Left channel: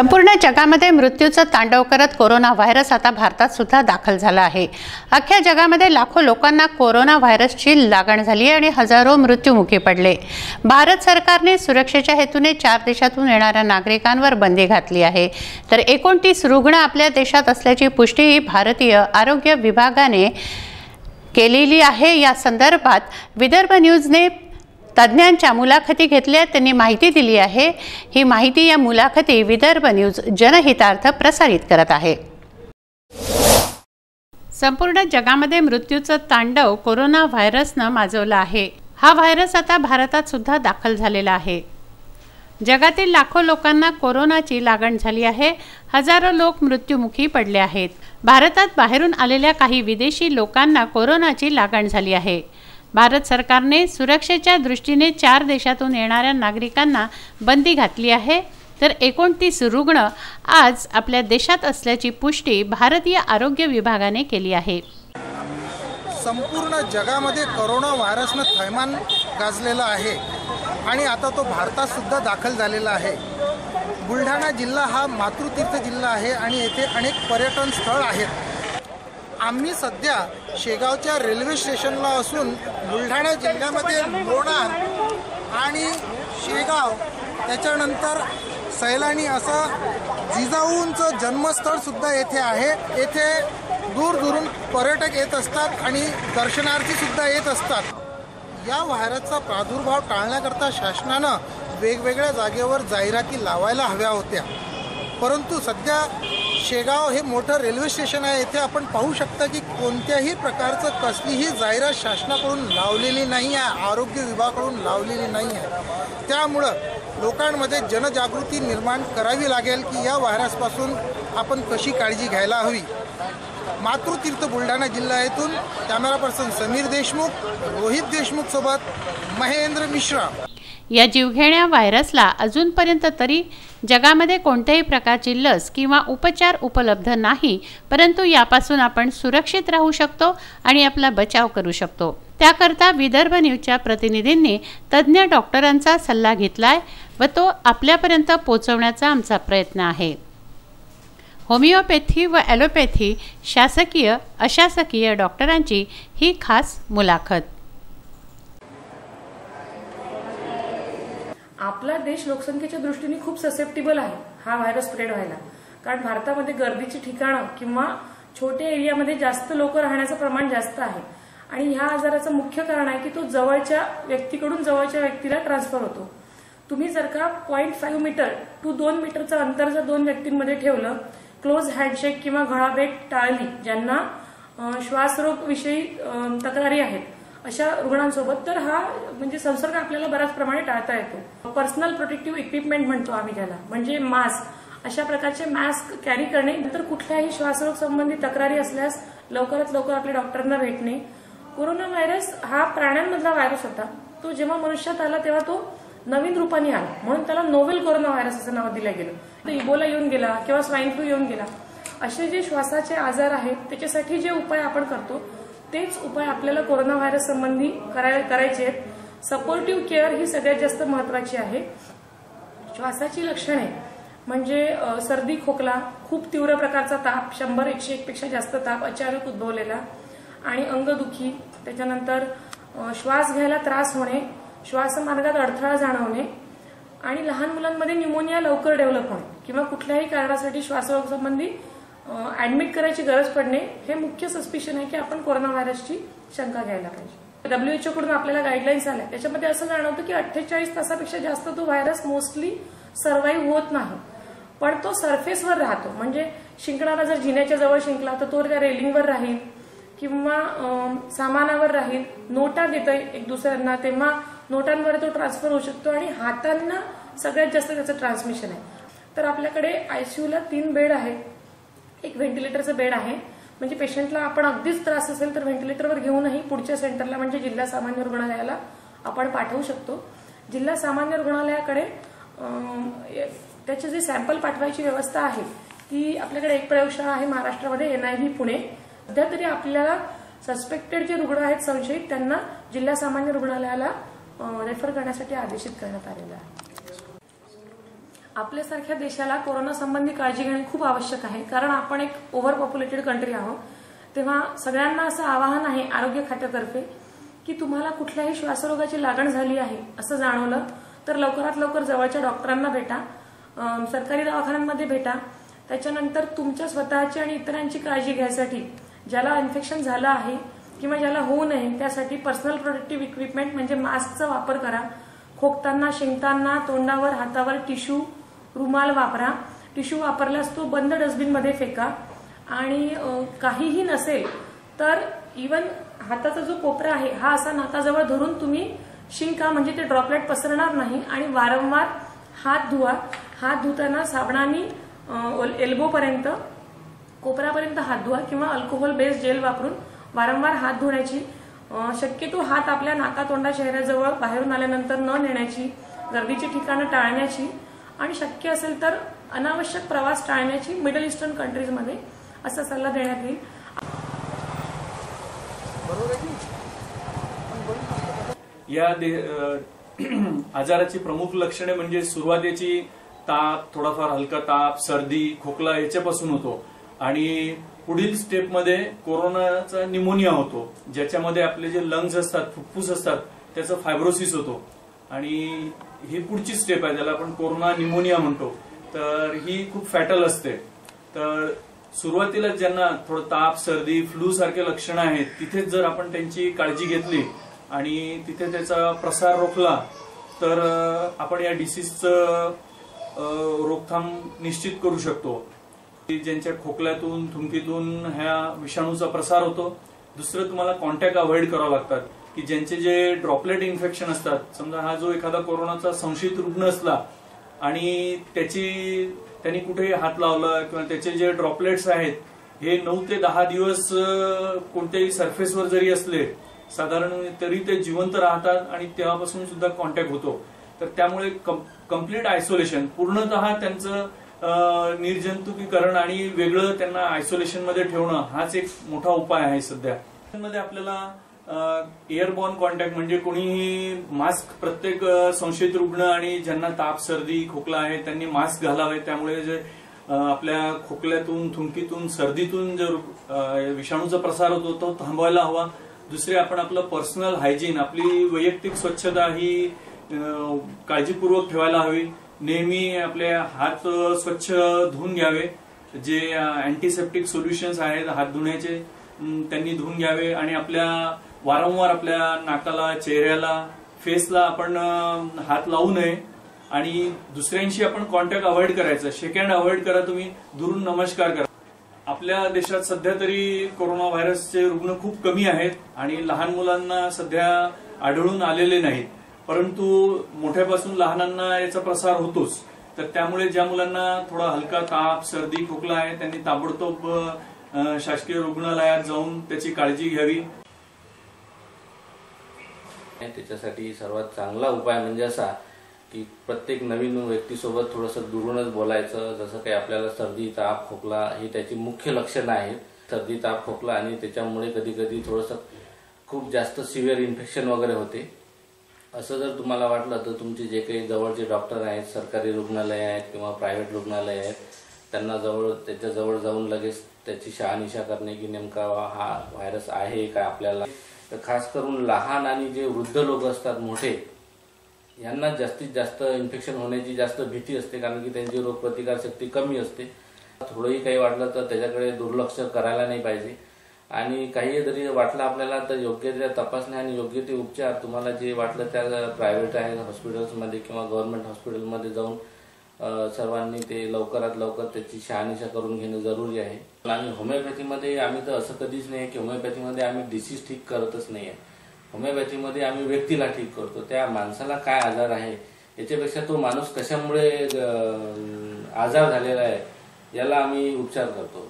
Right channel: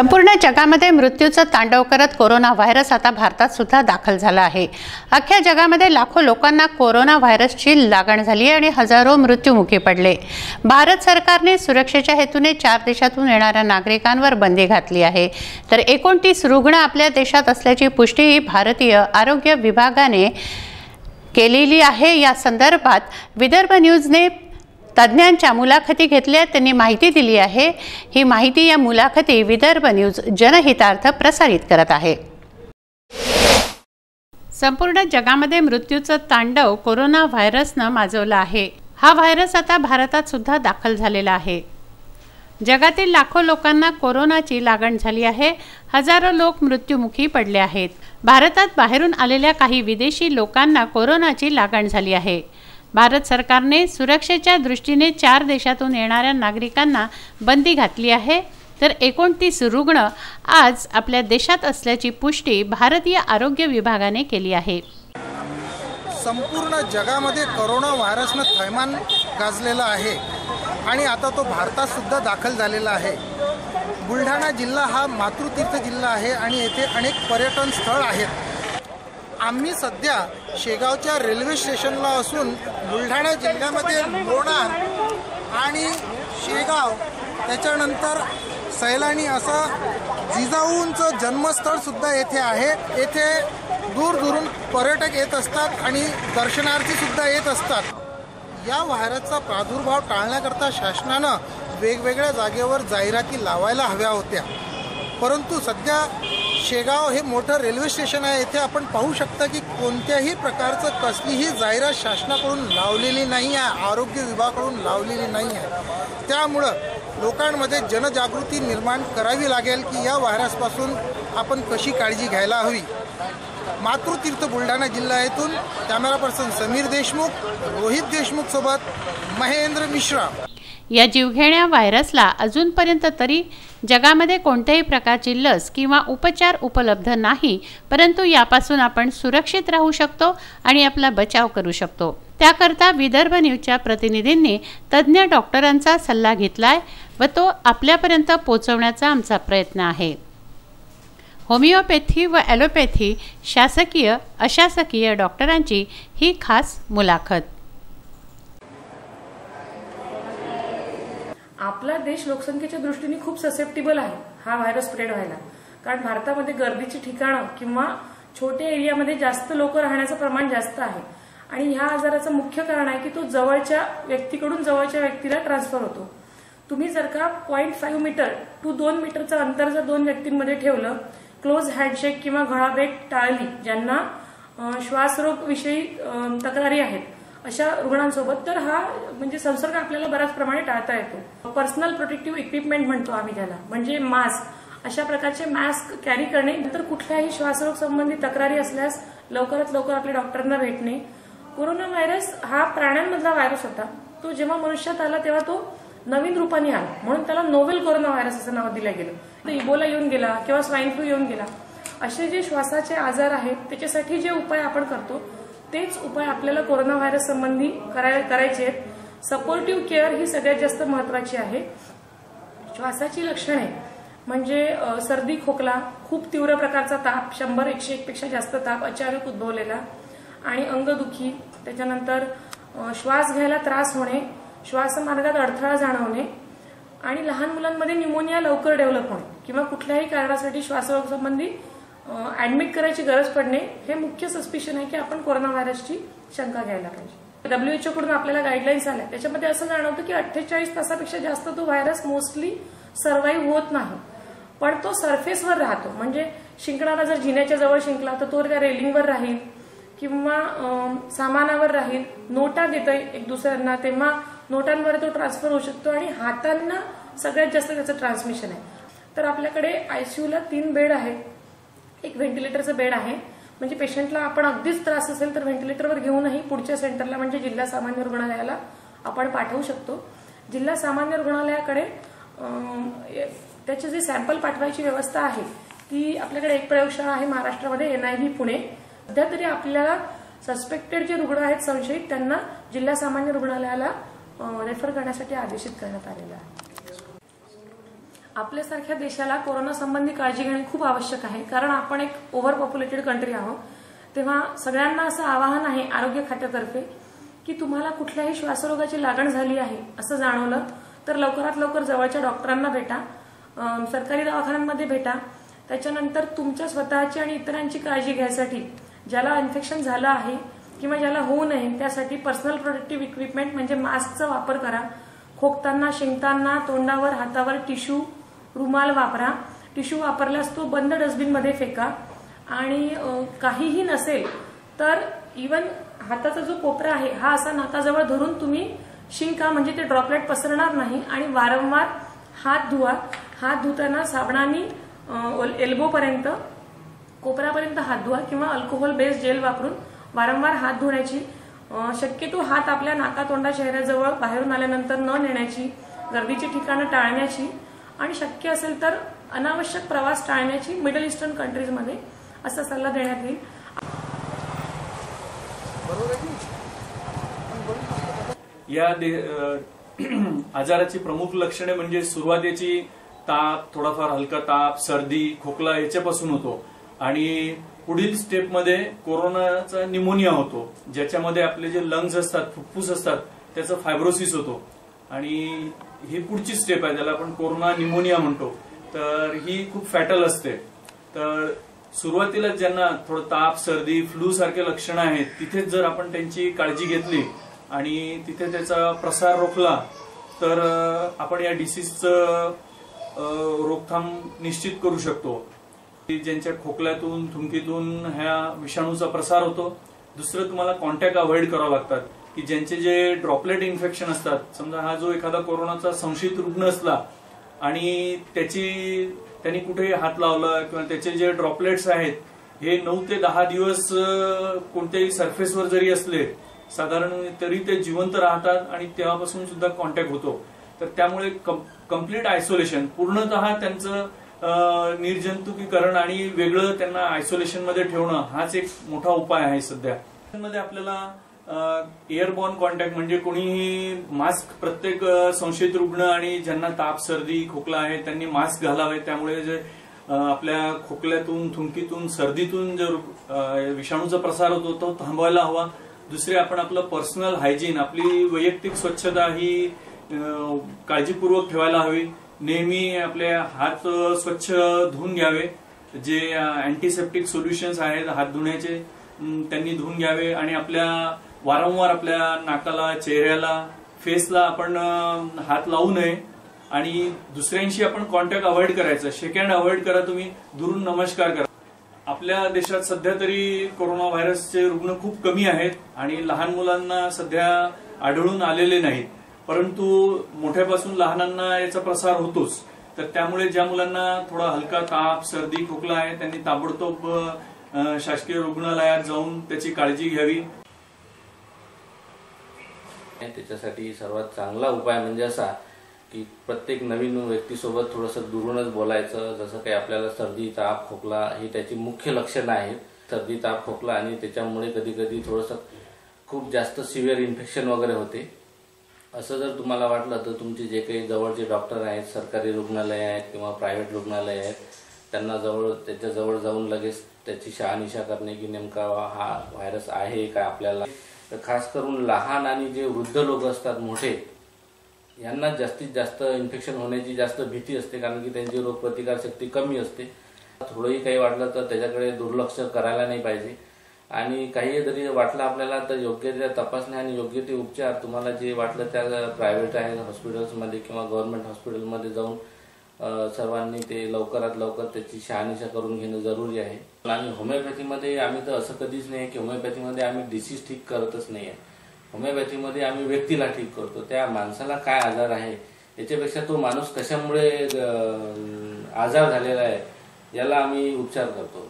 संपूर्ण जगामध्ये मृत्यूचं तांडव करत कोरोना व्हायरस आता भारतात सुद्धा दाखल झाला आहे। अख्ख्या जगामध्ये लाखो लोकांना कोरोना व्हायरसची लागण झाली आणि हजारो मृत्युमुखी पडले। भारत सरकारने सुरक्षेच्या हेतूने 4 देशातून येणाऱ्या नागरिकांवर बंदी घातली आहे, तर 29 रुग्ण आपल्या देशात असल्याची पुष्टी भारतीय आरोग्य विभागाने केलेली आहे। या संदर्भात विदर्भ न्यूजने तज्ञांच्या मुलाखती घेतल्या, त्यांनी माहिती दिली आहे। ही माहिती या मुलाखती विदर्भ न्यूज जनहितार्थ प्रसारित करत आहे। संपूर्ण जगामध्ये मृत्यूचं तांडव कोरोना व्हायरसने माजवलं आहे। हा व्हायरस आता भारतात सुद्धा दाखल झालेला आहे। जगातील लाखो लोकांना कोरोनाची लागण झाली आहे। हजारो लोक मृत्युमुखी पडले आहेत। भारतात बाहेरून आलेल्या काही विदेशी लोकांना कोरोनाची लागण झाली आहे। भारत सरकारने सुरक्षेच्या दृष्टीने 4 देशातून येणाऱ्या नागरिकांना बंदी घातली आहे, तर 29 रुग्ण आज आपल्या देशात असल्याची पुष्टी भारतीय आरोग्य विभागाने केली आहे। संपूर्ण जगामध्ये कोरोना व्हायरसने थैमान गाजलेला आहे आणि आता तो भारतात सुद्धा दाखल झालेला आहे। बुलढाणा जिल्हा हा मातृतीर्थ जिल्हा आहे आणि येथे अनेक पर्यटन स्थळ आहेत। आम्ही सध्या शेगावच्या रेल्वे स्टेशनला असून बुलढाणा जिल्ह्यामध्ये लोणार आणि शेगाव त्याच्यानंतर सैलानी असं जिजाऊंचं जन्मस्थळ सुद्धा येथे आहे। येथे दूरदूरून पर्यटक येत असतात आणि दर्शनार्थी सुद्धा येत असतात। या व्हायरसचा प्रादुर्भाव टाळण्याकरता शासनानं वेगवेगळ्या जागेवर जाहिराती लावायला हव्या होत्या, परंतु सध्या शेगाव हे मोठं रेल्वे स्टेशन आहे। येथे आपण पाहू शकता की कोणत्याही प्रकारचं कसलीही जाहिरात शासनाकडून लावलेली नाही आहे, आरोग्य विभागाकडून लावलेली नाही आहे। त्यामुळं लोकांमध्ये जनजागृती निर्माण करावी लागेल की या व्हायरसपासून आपण कशी काळजी घ्यायला हवी। मातृतीर्थ बुलढाणा जिल्हा येथून कॅमेरा पर्सन समीर देशमुख, रोहित देशमुख सोबत महेंद्र मिश्रा। या जीवघेण्या व्हायरसला अजूनपर्यंत तरी जगामध्ये कोणत्याही प्रकारची लस किंवा उपचार उपलब्ध नाही, परंतु यापासून आपण सुरक्षित राहू शकतो आणि आपला बचाव करू शकतो। त्याकरता विदर्भ न्यूजच्या प्रतिनिधींनी तज्ञ डॉक्टरांचा सल्ला घेतलाय व तो आपल्यापर्यंत पोहोचवण्याचा आमचा प्रयत्न आहे। होमिओपॅथी व ॲलोपॅथी, शासकीय अशासकीय डॉक्टरांची ही खास मुलाखत। आपला देश लोकसंख्येच्या दृष्टीने खूप ससेप्टेबल आहे हा व्हायरस स्प्रेड व्हायला, कारण भारतामध्ये गर्दीची ठिकाणं किंवा छोट्या एरियामध्ये जास्त लोक राहण्याचं प्रमाण जास्त आहे आणि ह्या आजाराचं मुख्य कारण आहे की तो जवळच्या व्यक्तीकडून जवळच्या व्यक्तीला ट्रान्सफर होतो। तुम्ही जर का 0.5 मीटर टू 2 मीटरचं अंतर जर 2 व्यक्तींमध्ये ठेवलं, क्लोज हँडशेक किंवा घळाभेट टाळली, ज्यांना श्वासरोग विषयी तक्रारी आहेत अशा रुग्णांसोबत, तर हा म्हणजे संसर्ग आपल्याला बऱ्याच प्रमाणे टाळता येतो। पर्सनल प्रोटेक्टिव्ह इक्विपमेंट म्हणतो आम्ही त्याला, म्हणजे मास्क, अशा प्रकारचे मास्क कॅरी करणे, नंतर कुठल्याही श्वासरोग संबंधी तक्रारी असल्यास लवकरात लवकर आपल्या डॉक्टरांना भेटणे। कोरोना व्हायरस हा प्राण्यांमधला व्हायरस होता, तो जेव्हा मनुष्यात आला तेव्हा तो नवीन रूपाने आला, म्हणून त्याला नोवेल कोरोना व्हायरस असं नाव दिलं गेलं। तो इबोला येऊन गेला किंवा स्वाईन फ्लू येऊन गेला, असे जे श्वासाचे आजार आहेत त्याच्यासाठी जे उपाय आपण करतो तेच उपाय आपल्याला कोरोना व्हायरस संबंधी करायचे आहेत। सपोर्टिव्ह केअर ही सगळ्यात जास्त महत्वाची आहे। श्वासाची लक्षणे म्हणजे सर्दी, खोकला, खूप तीव्र प्रकारचा ताप, 100-101 पेक्षा जास्त ताप अचानक उद्भवलेला आणि अंगदुखी, त्याच्यानंतर श्वास घ्यायला त्रास होणे, श्वासमार्गात अडथळा जाणवणे आणि लहान मुलांमध्ये न्यूमोनिया लवकर डेव्हलप होणे किंवा कुठल्याही कारणासाठी श्वासरोग संबंधी ऍडमिट करायची गरज पडणे, हे मुख्य सस्पिशन आहे की आपण कोरोना व्हायरसची शंका घ्यायला पाहिजे। WHO कडून आपल्याला गाईडलाईन्स आल्या, त्याच्यामध्ये असं जाणवतं की 48 तासापेक्षा जास्त तो व्हायरस मोस्टली सर्व्हाइव्ह होत नाही, पण तो सरफेसवर राहतो। म्हणजे शिंकणारा जर जिन्याच्या जवळ शिंकला तर तो त्या रेलिंगवर राहील किंवा सामानावर राहील, नोटा देतोय एक दुसऱ्यांना तेव्हा नोटांवर तो ट्रान्सफर होऊ शकतो आणि हातांना सगळ्यात जास्त त्याचं ट्रान्समिशन आहे। तर आपल्याकडे आयसीयूला 3 बेड आहेत, एक व्हेंटिलेटरचं बेड आहे, म्हणजे पेशंटला आपण अगदीच त्रास असेल तर व्हेंटिलेटरवर घेऊनही पुढच्या सेंटरला म्हणजे जिल्हा सामान्य रुग्णालयाला आपण पाठवू शकतो। जिल्हा सामान्य रुग्णालयाकडे त्याचे जे सॅम्पल पाठवायची व्यवस्था आहे ती आपल्याकडे एक प्रयोगशाळा आहे महाराष्ट्रामध्ये, NIV पुणे। सध्या तरी आपल्याला सस्पेक्टेड जे रुग्ण आहेत संशयित त्यांना जिल्हा सामान्य रुग्णालयाला रेफर करण्यासाठी आदेशित करण्यात आलेलं आहे। आपल्यासारख्या देशाला कोरोना संबंधी काळजी घेणे खूप आवश्यक आहे, कारण आपण एक ओव्हर पॉप्युलेटेड कंट्री आहोत. तेव्हा सगळ्यांना असं आवाहन आहे आरोग्य खात्यातर्फे की तुम्हाला कुठल्याही श्वासरोगाची लागण झाली आहे असं जाणवलं तर लवकरात लवकर जवळच्या डॉक्टरांना भेटा, सरकारी दवाखान्यांमध्ये भेटा. त्याच्यानंतर तुमच्या स्वतःची आणि इतरांची काळजी घ्यायसाठी ज्याला इन्फेक्शन झालं आहे किंवा ज्याला होऊ नये त्यासाठी पर्सनल प्रोटेक्टिव्ह इक्विपमेंट म्हणजे मास्कचा वापर करा. खोकताना, शिंकताना तोंडावर, हातावर टिश्यू, रुमाल वापरा. टिश्यू वापरल्यास तो बंद डस्टबिनमध्ये फेका. आणि काहीही नसेल तर इवन हाताचा जो कोपरा आहे हा असा नाकाजवळ धरून तुम्ही शिंका, म्हणजे ते ड्रॉपलेट पसरणार नाही. आणि वारंवार हात धुवा. हात धुताना साबणाने एल्बोपर्यंत, कोपऱ्यापर्यंत हात धुवा किंवा अल्कोहोल बेस्ड जेल वापरून वारंवार हात धुण्याची. शक्यतो हात आपल्या नाका, तोंडा, चेहऱ्याजवळ बाहेरून आल्यानंतर न नेण्याची. गर्दीची ठिकाणं टाळण्याची आणि शक्य असेल तर अनावश्यक प्रवास टाळण्याची मिडल ईस्टर्न कंट्रीजमध्ये असा सल्ला देण्यात येईल. या आजाराची प्रमुख लक्षणे म्हणजे सुरुवातीची ताप, थोडाफार हलका ताप, सर्दी, खोकला याच्यापासून होतो आणि पुढील स्टेपमध्ये कोरोनाचा निमोनिया होतो, ज्याच्यामध्ये आपले जे लंग्स असतात, फुफ्फुस असतात, त्याचं फायब्रोसिस होतो आणि ही पुढची स्टेप आहे, ज्याला आपण कोरोना निमोनिया म्हणतो. तर ही खूप फॅटल असते. तर सुरुवातीला ज्यांना थोडं ताप, सर्दी, फ्लू सारखे लक्षणं आहेत तिथेच जर आपण त्यांची काळजी घेतली आणि तिथे त्याचा प्रसार रोखला तर आपण या डिसीजचं रोकथाम निश्चित करू शकतो. ज्यांच्या खोकल्यातून, थुंकीतून ह्या विषाणूचा प्रसार होतो. दुसरं, तुम्हाला कॉन्टॅक्ट अवॉइड करावं लागतात की ज्यांचे जे ड्रॉपलेट इन्फेक्शन असतात, समजा हा जो एखादा कोरोनाचा संशयित रुग्ण असला आणि त्यांनी कुठेही हात लावला किंवा त्याचे जे ड्रॉपलेट्स आहेत हे 9 ते 10 दिवस कोणत्याही सरफेसवर जरी असले साधारण तरी ते जिवंत राहतात आणि तेव्हापासून सुद्धा कॉन्टॅक्ट होतो. तर त्यामुळे कम्प्लीट आयसोलेशन, पूर्णतः त्यांचं निर्जंतुकीकरण आणि वेगळं त्यांना आयसोलेशन मध्ये ठेवणं हाच एक मोठा उपाय आहे सध्या. मध्ये आपल्याला एअरबॉर्न कॉन्टॅक्ट म्हणजे कोणीही मास्क, प्रत्येक संशयित रुग्ण आणि ज्यांना ताप, सर्दी, खोकला आहे त्यांनी मास्क घालावे. त्यामुळे जे आपल्या खोकल्यातून, थुंकीतून, सर्दीतून जो विषाणूचा प्रसार होतो तो थांबवायला हवा. दुसरे, आपण आपलं पर्सनल हायजीन, आपली वैयक्तिक स्वच्छता ही काळजीपूर्वक ठेवायला हवी. नेहमी आपले हात स्वच्छ धुवून घ्यावे. जे अँटीसेप्टिक सोल्युशन्स आहेत हात धुण्याचे त्यांनी धुवून घ्यावे आणि वारंवार आपल्या नाकाला, चेहऱ्याला, फेसला आपण हात लावू नये आणि दुसऱ्यांशी आपण कॉन्टॅक्ट अवॉइड करायचं. शेक हँड अवॉइड करा, तुम्ही दुरून नमस्कार करा. आपल्या देशात सध्या तरी कोरोना व्हायरसचे रुग्ण खूप कमी आहेत आणि लहान मुलांना सध्या आढळून आलेले नाहीत, परंतु मोठ्यापासून लहानांना याचा प्रसार होतोच. तर त्यामुळे ज्या मुलांना थोडा हलका ताप, सर्दी, खोकला आहे त्यांनी ताबडतोब शासकीय रुग्णालयात जाऊन त्याची काळजी घ्यावी. त्याच्यासाठी सर्वात चांगला उपाय म्हणजे असा की प्रत्येक नवीन व्यक्तीसोबत थोडंसं दुरूनच बोलायचं. जसं काही आपल्याला सर्दी, ताप, खोकला ही त्याची मुख्य लक्षणं आहेत. सर्दी, ताप, खोकला आणि त्याच्यामुळे कधी कधी थोडंसं खूप जास्त सिव्हिअर इन्फेक्शन वगैरे होते. असं जर तुम्हाला वाटलं तर तुमचे जे काही जवळचे डॉक्टर आहेत, सरकारी रुग्णालय आहेत किंवा प्रायव्हेट रुग्णालय आहेत, त्याच्या जवळ जाऊन लगेच त्याची शहानिशा करणे की नेमका हा व्हायरस आहे का आपल्याला. तर खास करून लहान आणि जे वृद्ध लोक असतात, मोठे, यांना जास्तीत जास्त इन्फेक्शन होण्याची जास्त भीती असते, कारण की त्यांची रोगप्रतिकारशक्ती कमी असते. थोडंही काही वाटलं तर त्याच्याकडे दुर्लक्ष करायला नाही पाहिजे आणि काही जरी वाटलं आपल्याला तर योग्य त्या तपासण्या आणि योग्य ते उपचार तुम्हाला जे वाटलं त्या प्रायव्हेट आहे हॉस्पिटल्समध्ये किंवा गव्हर्नमेंट हॉस्पिटलमध्ये जाऊन सर्वांनी ते लवकरात लवकर त्याची शहानिशा करून घेणं जरुरी आहे. आणि होमिओपॅथीमध्ये आम्ही तर असं कधीच नाही की होमिओपॅथीमध्ये आम्ही डिसीज ठीक करतच नाही आहे. होमिओपॅथीमध्ये आम्ही व्यक्तीला ठीक करतो. त्या माणसाला काय आजार आहे याच्यापेक्षा तो माणूस कशामुळे आजार झालेला आहे याला आम्ही उपचार करतो.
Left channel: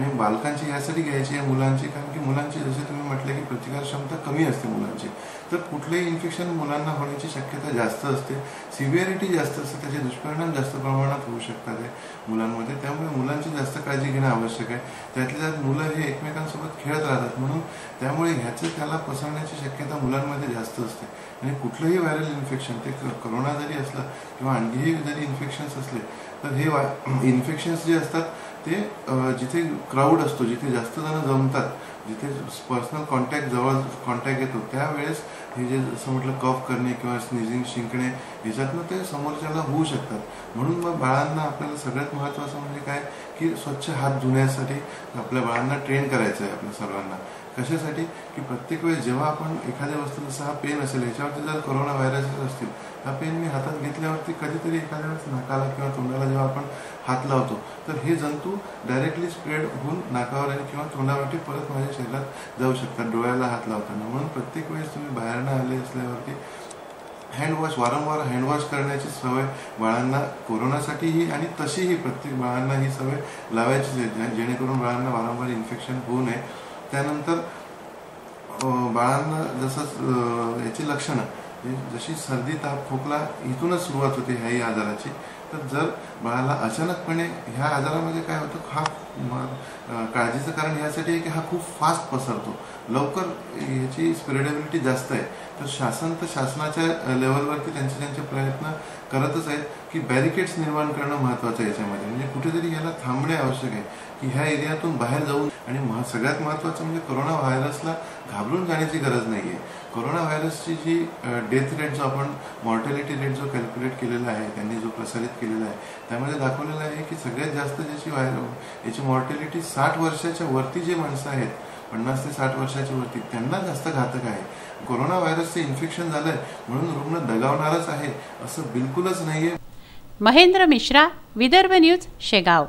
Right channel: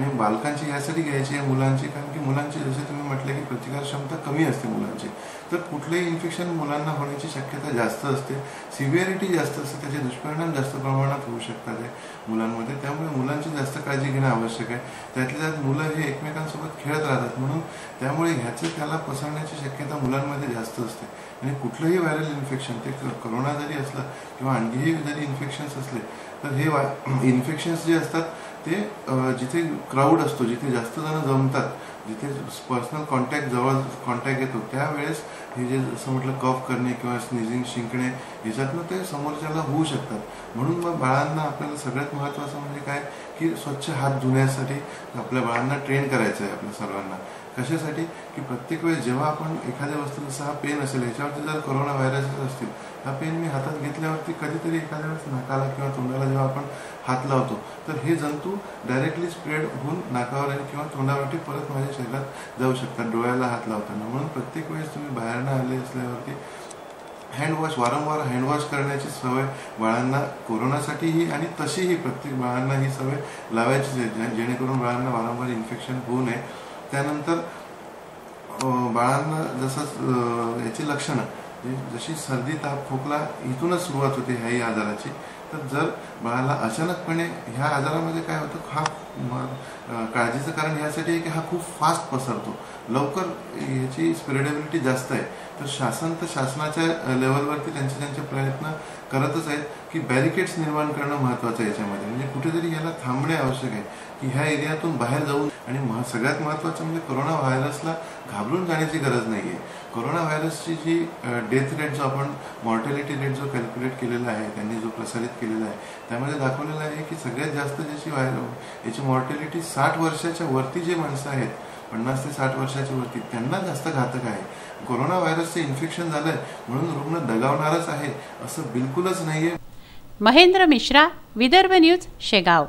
आणि बालकांची यासाठी घ्यायची आहे मुलांची, कारण की मुलांची जसे तुम्ही म्हटले की प्रतिकारक्षमता कमी असते मुलांची, तर कुठलंही इन्फेक्शन मुलांना होण्याची शक्यता जास्त असते, सिव्हिअरिटी जास्त असते, त्याचे दुष्परिणाम जास्त प्रमाणात होऊ शकतात मुलांमध्ये. त्यामुळे मुलांची जास्त काळजी घेणं आवश्यक आहे. त्यातल्या त्यात मुलं हे एकमेकांसोबत खेळत राहतात, म्हणून त्यामुळे ह्याचं त्याला पसरण्याची शक्यता मुलांमध्ये जास्त असते. आणि कुठलंही व्हायरल इन्फेक्शन, ते करोना जरी असलं किंवा आणखीही जरी इन्फेक्शन्स असले, तर हे इन्फेक्शन्स जे असतात ते जिथे क्राऊड असतो, जिथे जास्त जण जमतात, जिथे पर्सनल जवळ कॉन्टॅक्ट येतो, त्यावेळेस हे जे जसं म्हटलं कफ करणे किंवा स्निझिंग, शिंकणे, याच्यातनं ते समोरच्याला होऊ शकतात. म्हणून मग बाळांना आपल्याला सगळ्यात महत्त्वाचं म्हणजे काय की स्वच्छ हात धुण्यासाठी आपल्या बाळांना ट्रेन करायचं आहे आपल्या सर्वांना. कशासाठी की प्रत्येक वेळेस जेव्हा आपण एखाद्या वस्तू, जसा हा पेन असेल, याच्यावरती जर कोरोना व्हायरसेस असतील, हा पेन मी हातात घेतल्यावरती कधीतरी एखाद्या वेळेस नाकाला किंवा तोंडाला जेव्हा आपण हात लावतो, तर हे जंतू डायरेक्टली स्प्रेड होऊन नाकावर किंवा तोंडावरती परत माझ्या शरीरात जाऊ शकतात डोळ्याला हात लावताना. म्हणून प्रत्येक वेळेस तुम्ही बाहेरनं आले असल्यावरती हँडवॉश, वारंवार हँडवॉश करण्याची सवय बाळांना कोरोनासाठीही आणि तशीही प्रत्येक बाळांना ही सवय लावायचीच आहे, जेणेकरून बाळांना वारंवार इन्फेक्शन होऊ नये. त्यानंतर बाळांना जसं याची लक्षणं, जशी सर्दी, ताप, खोकला इथूनच सुरुवात होते ह्याही आजाराची, तर जर बाळाला अचानकपणे ह्या आजारामध्ये काय होतं, हा काळजीचं कारण यासाठी आहे की हा खूप फास्ट पसरतो, लवकर ह्याची स्प्रेडेबिलिटी जास्त आहे. तर शासनाच्या लेवलवरती त्यांचे प्रयत्न करतच आहेत की बॅरिकेड्स निर्माण करणं महत्त्वाचं आहे याच्यामध्ये. म्हणजे कुठेतरी याला थांबणे आवश्यक आहे की ह्या एरियातून बाहेर जाऊन. आणि सगळ्यात महत्त्वाचं म्हणजे कोरोना व्हायरसला घाबरून जाण्याची गरज नाही आहे. कोरोना व्हायरसची जी डेथ रेट, जो आपण मॉर्टॅलिटी रेट जो कॅल्क्युलेट केलेला आहे, त्यांनी जो प्रसारित केलेला आहे, त्यामध्ये दाखवलेलं आहे की सगळ्यात जास्त याची मॉर्टॅलिटी 60 वर्षाच्या वरती जे माणसं आहेत, 50 ते 60 वर्षाच्या वरती, त्यांना जास्त घातक आहे. कोरोना व्हायरसचं इन्फेक्शन झालंय म्हणून रुग्ण दगावणारच आहे असं बिलकुलच नाहीये. महेंद्र मिश्रा, विदर्भ न्यूज, शेगाव.